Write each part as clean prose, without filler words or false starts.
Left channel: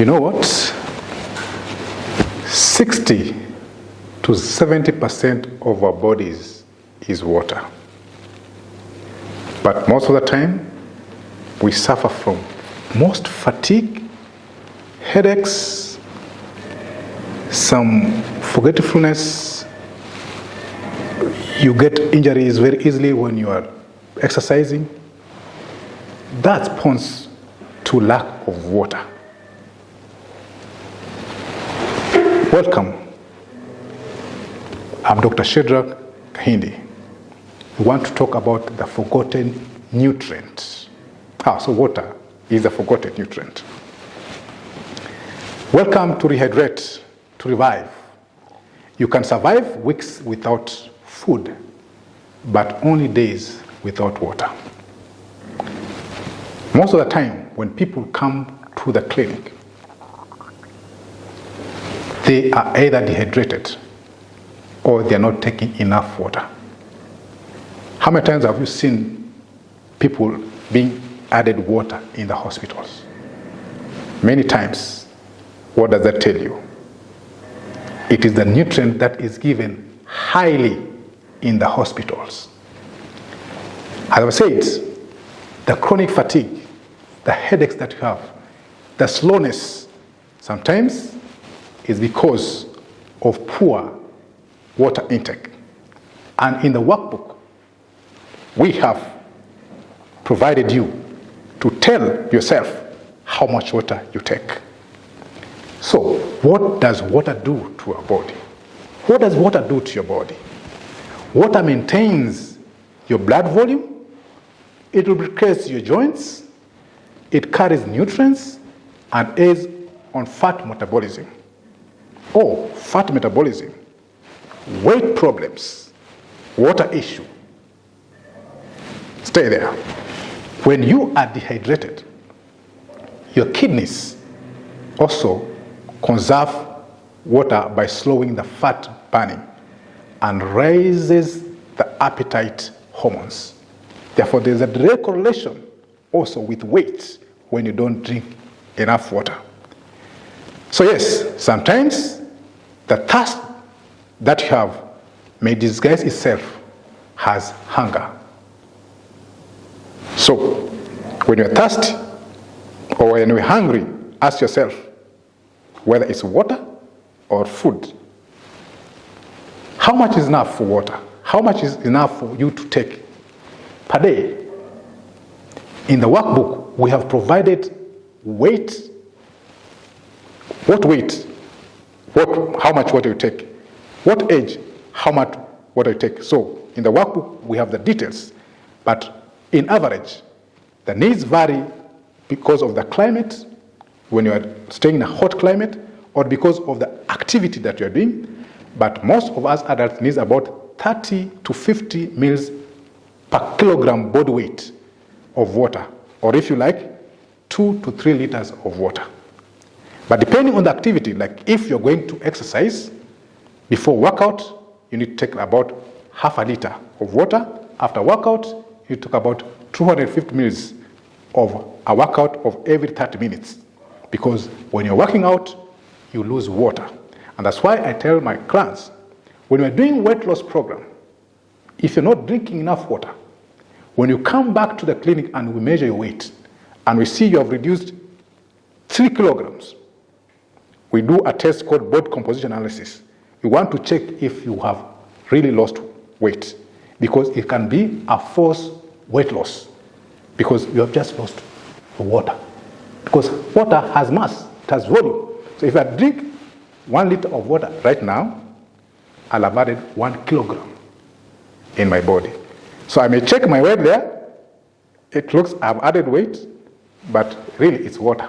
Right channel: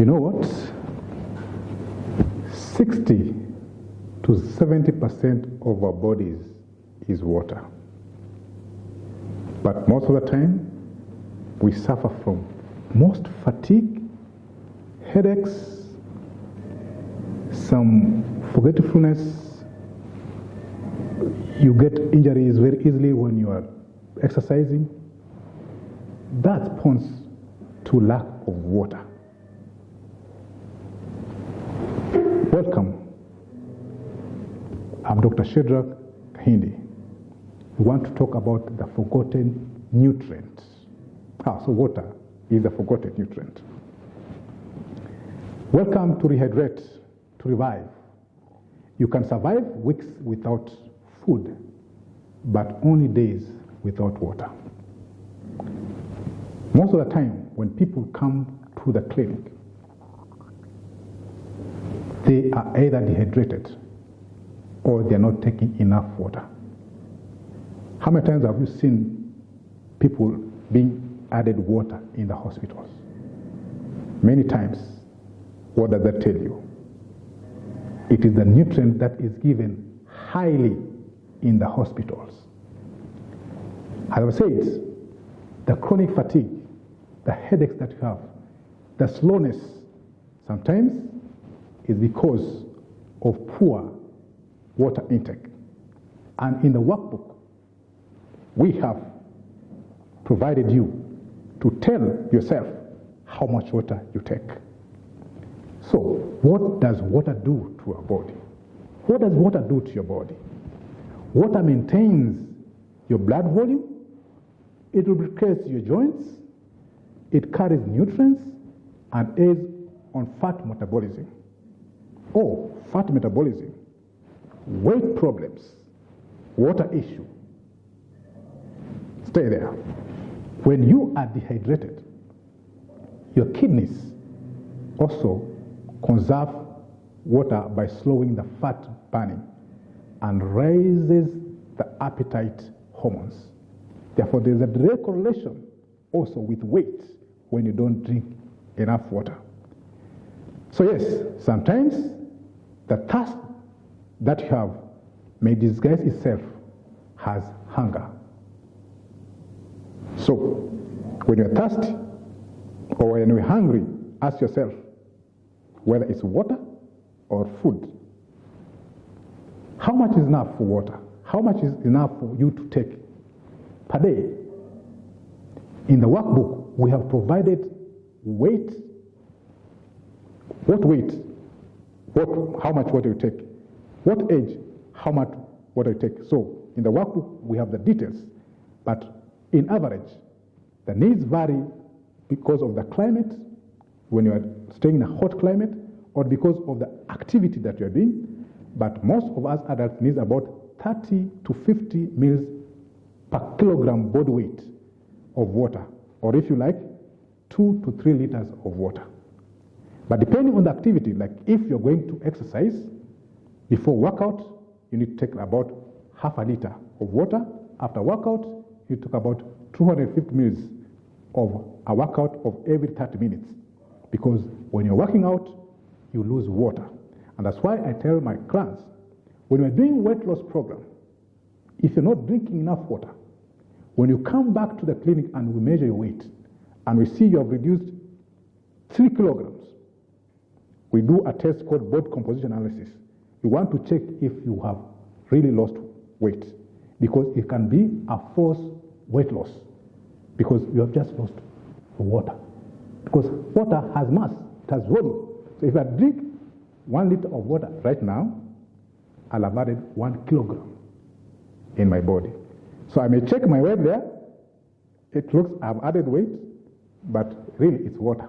You know what? 60 to 70% of our bodies is water. But most of the time, we suffer from most fatigue, headaches, some forgetfulness. You get injuries very easily when you are exercising. That points to lack of water. Welcome. I'm Dr. Shedrack Kahindi. We want to talk about the forgotten nutrient. So water is a forgotten nutrient. Welcome to Rehydrate, to revive. You can survive weeks without food, but only days without water. Most of the time, when people come to the clinic, they are either dehydrated or they are not taking enough water. How many times have you seen people being added water in the hospitals? Many times. What does that tell you? It is the nutrient that is given highly in the hospitals. As I said, the chronic fatigue, the headaches that you have, the slowness, sometimes is because of poor water intake. And in the workbook, we have provided you to tell yourself how much water you take. So, what does water do to our body? What does water do to your body? Water maintains your blood volume, it lubricates your joints, it carries nutrients, and aids on fat metabolism. Fat metabolism, weight problems, water issue. Stay there. When you are dehydrated, your kidneys also conserve water by slowing the fat burning and raises the appetite hormones. Therefore, there's a direct correlation also with weight when you don't drink enough water. So yes, sometimes the thirst that you have may disguise itself as hunger. So, when you're thirsty or when you're hungry, ask yourself whether it's water or food. How much is enough for water? How much is enough for you to take per day? In the workbook, we have provided weight. What weight? How much water you take? What age? How much water you take? So, in the workbook, we have the details. But in average, the needs vary because of the climate, when you are staying in a hot climate, or because of the activity that you are doing. But most of us adults need about 30 to 50 mils per kilogram body weight of water, or if you like, 2 to 3 liters of water. But depending on the activity, like if you're going to exercise, before workout, you need to take about half a liter of water. After workout, you take about 250 mils of a workout of every 30 minutes. Because when you're working out, you lose water. And that's why I tell my clients, when we're doing weight loss program, if you're not drinking enough water, when you come back to the clinic and we measure your weight, and we see you have reduced 3 kilograms, we do a test called body composition analysis. We want to check if you have really lost weight, because it can be a false weight loss, because you have just lost the water. Because water has mass, it has volume. So if I drink 1 liter of water right now, I'll have added 1 kilogram in my body. So I may check my weight there. It looks I've added weight, but really it's water.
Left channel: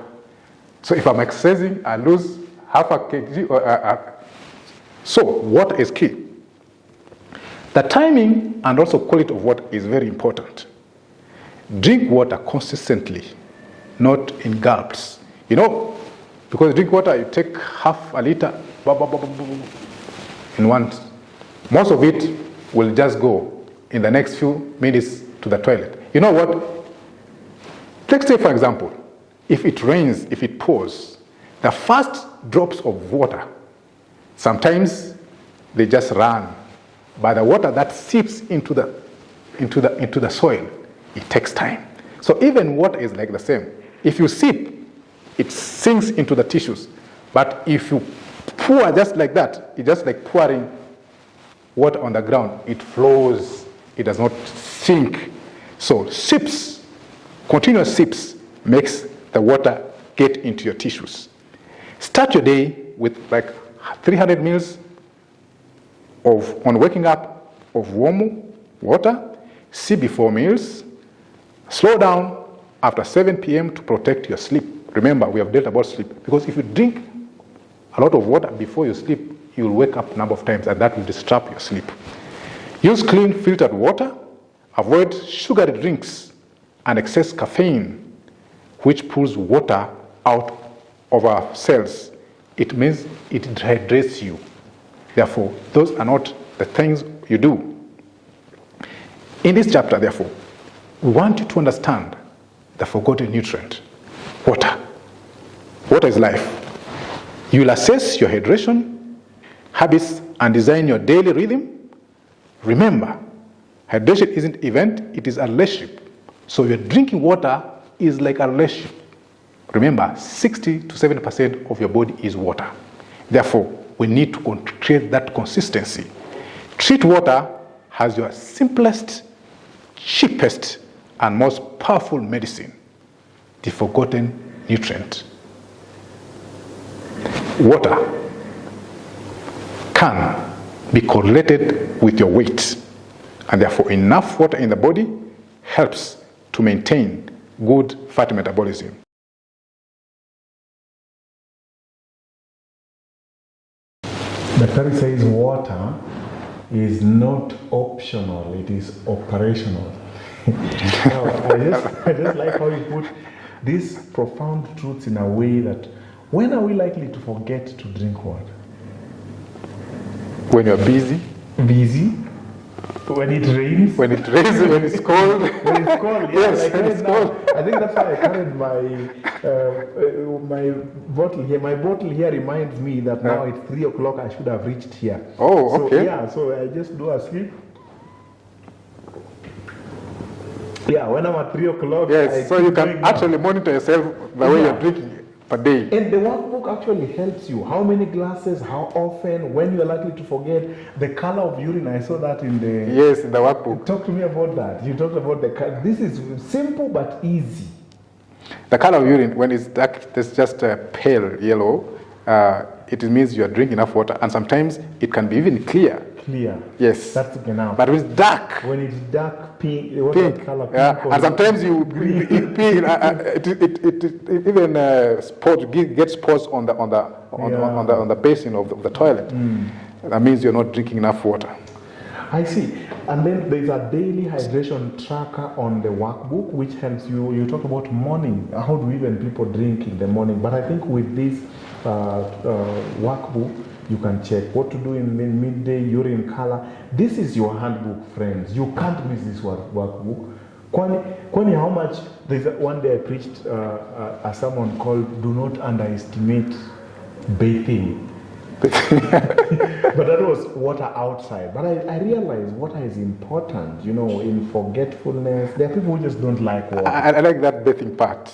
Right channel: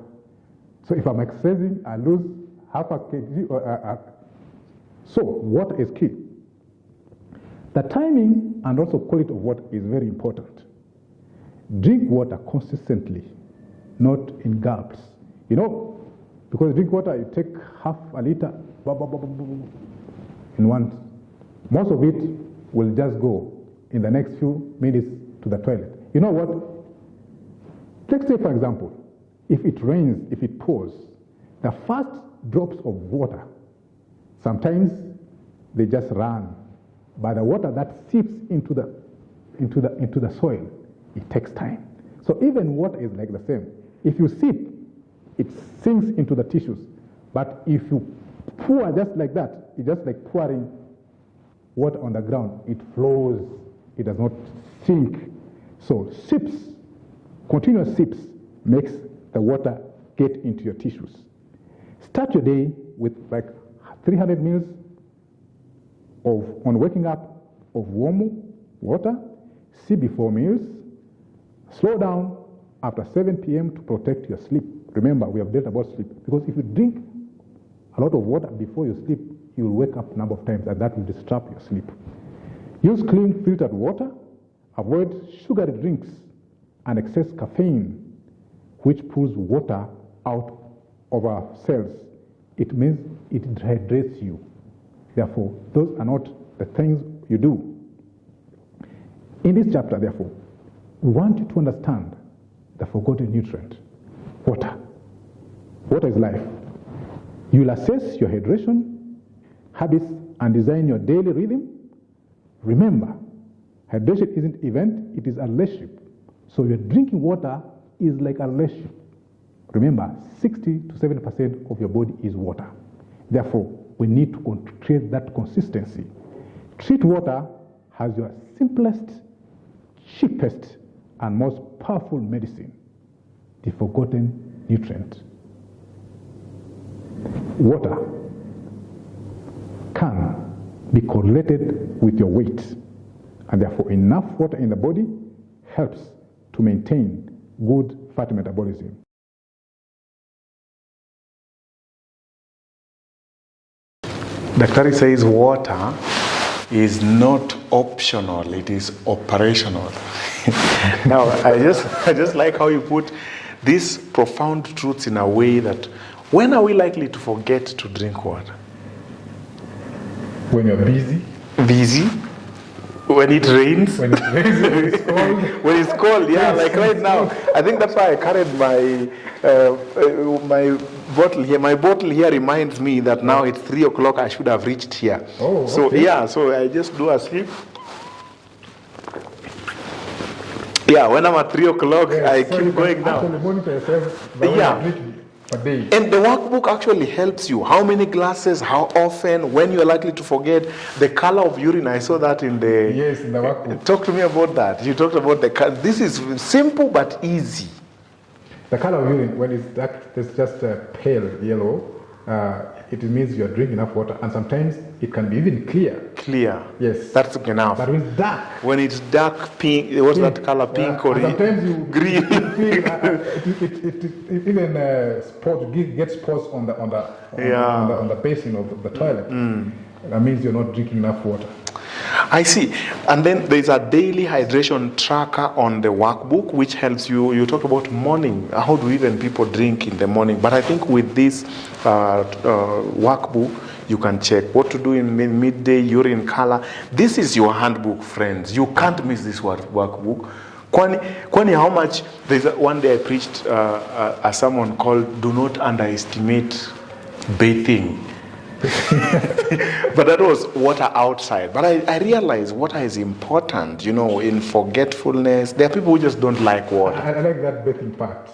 So if I'm exercising, I lose half a kg. So water is key. The timing and also quality of water is very important. Drink water consistently, not in gulps. Because you drink water, you take half a liter in once. Most of it will just go in the next few minutes to the toilet. You know what? Let's say, for example, if it rains, if it pours, The first drops of water, sometimes they just run, but the water that seeps into the soil, it takes time. So even water is like the same. If you sip, it sinks into the tissues. But if you pour just like that, it's just like pouring water on the ground. It flows. It does not sink. So sips, continuous sips, makes the water get into your tissues. Start your day with like 300 mils on waking up of warm water. Sip before meals. Slow down after 7 p.m. to protect your sleep. Remember, we have dealt about sleep. Because if you drink a lot of water before you sleep, you'll wake up a number of times, and that will disrupt your sleep. Use clean filtered water. Avoid sugary drinks and excess caffeine, which pulls water out of our cells. It means it dehydrates you. Therefore, those are not the things you do. In this chapter, therefore, we want you to understand the forgotten nutrient, water. Water is life. You will assess your hydration habits and design your daily rhythm. Remember, hydration isn't an event, it is a relationship. So your drinking water is like a relationship. Remember, 60 to 70% of your body is water. Therefore, we need to create that consistency. Treat water as your simplest, cheapest, and most powerful medicine, the forgotten nutrient. Water can be correlated with your weight, and therefore enough water in the body helps to maintain good fat metabolism. Daktari says water is not optional, it is operational. Now, I just like how you put these profound truths in a way that when are we likely to forget to drink water? When you're busy. Busy? When it rains? When it rains, when it's cold. When it's cold, yeah, like right now. I think that's why I carried my bottle here. My bottle here reminds me that now it's 3 o'clock, I should have reached here. Oh, so okay. Yeah, so I just do a sip. Yeah, when I'm at 3 o'clock, yes, so you going can down. actually monitor yourself the way you're drinking per day. And the workbook actually helps you. How many glasses, how often, when you're likely to forget, the color of urine. I saw that in the... Yes, in the workbook. Talk to me about that. You talked about the color. This is simple but easy. The color of urine, when it's dark, it's just a pale yellow. It means you are drinking enough water, and sometimes it can be even clear. Clear. Yes. That's enough. But when it's dark. When it's dark pink, what's that color? Pink or and sometimes you green. Pink, it even gets spores on the basin of the toilet. That means you're not drinking enough water. I see. And then there's a daily hydration tracker on the workbook, which helps you. You talked about morning. How do even people drink in the morning? But I think with this workbook, you can check what to do in midday, urine color. This is your handbook, friends. You can't miss this workbook. Kwani, how much? There's one day I preached a sermon called "Do Not Underestimate Bathing." But that was water outside. But I realized water is important, in forgetfulness. There are people who just don't like water. I like that bathing part.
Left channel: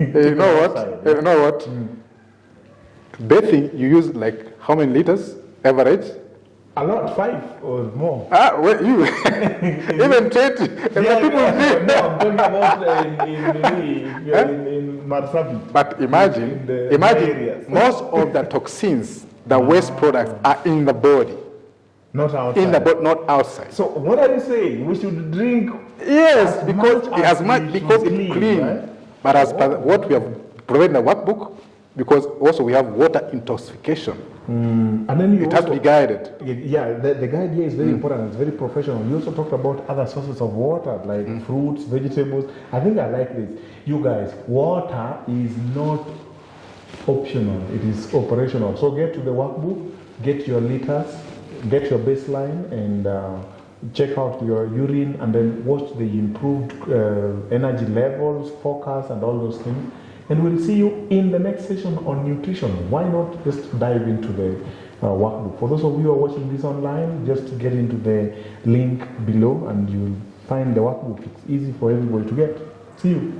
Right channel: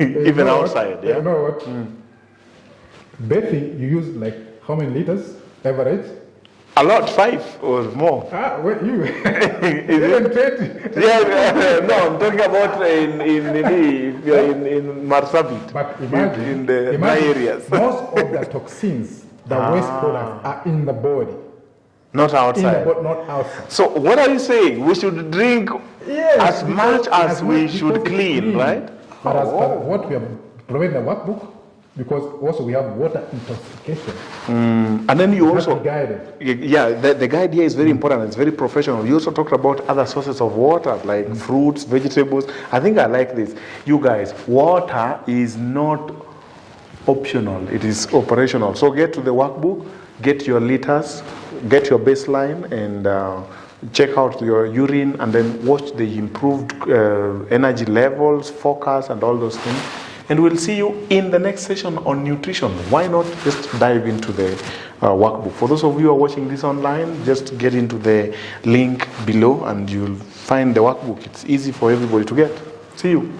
Even outside. Yeah. You know what? Bathing, you use like how many liters average? A lot, 5 or more. Well, you even 20. No, I'm talking about in Marsabit. But imagine, in the areas. Most of the toxins, the waste products, are in the body. Not outside. In the body, not outside. So what are you saying? We should drink as much as we should clean, right? But as per what we have provided in the workbook, because also we have water intoxication. And then you have also to be guided. Yeah, the guide here is very important. It's very professional. You also talked about other sources of water, like fruits, vegetables. I think I like this. You guys, water is not optional. It is operational. So get to the workbook, get your liters, get your baseline, and check out your urine, and then watch the improved energy levels, focus, and all those things. And we'll see you in the next session on nutrition. Why not just dive into the workbook? For those of you who are watching this online, just get into the link below and you'll find the workbook. It's easy for everybody to get. See you.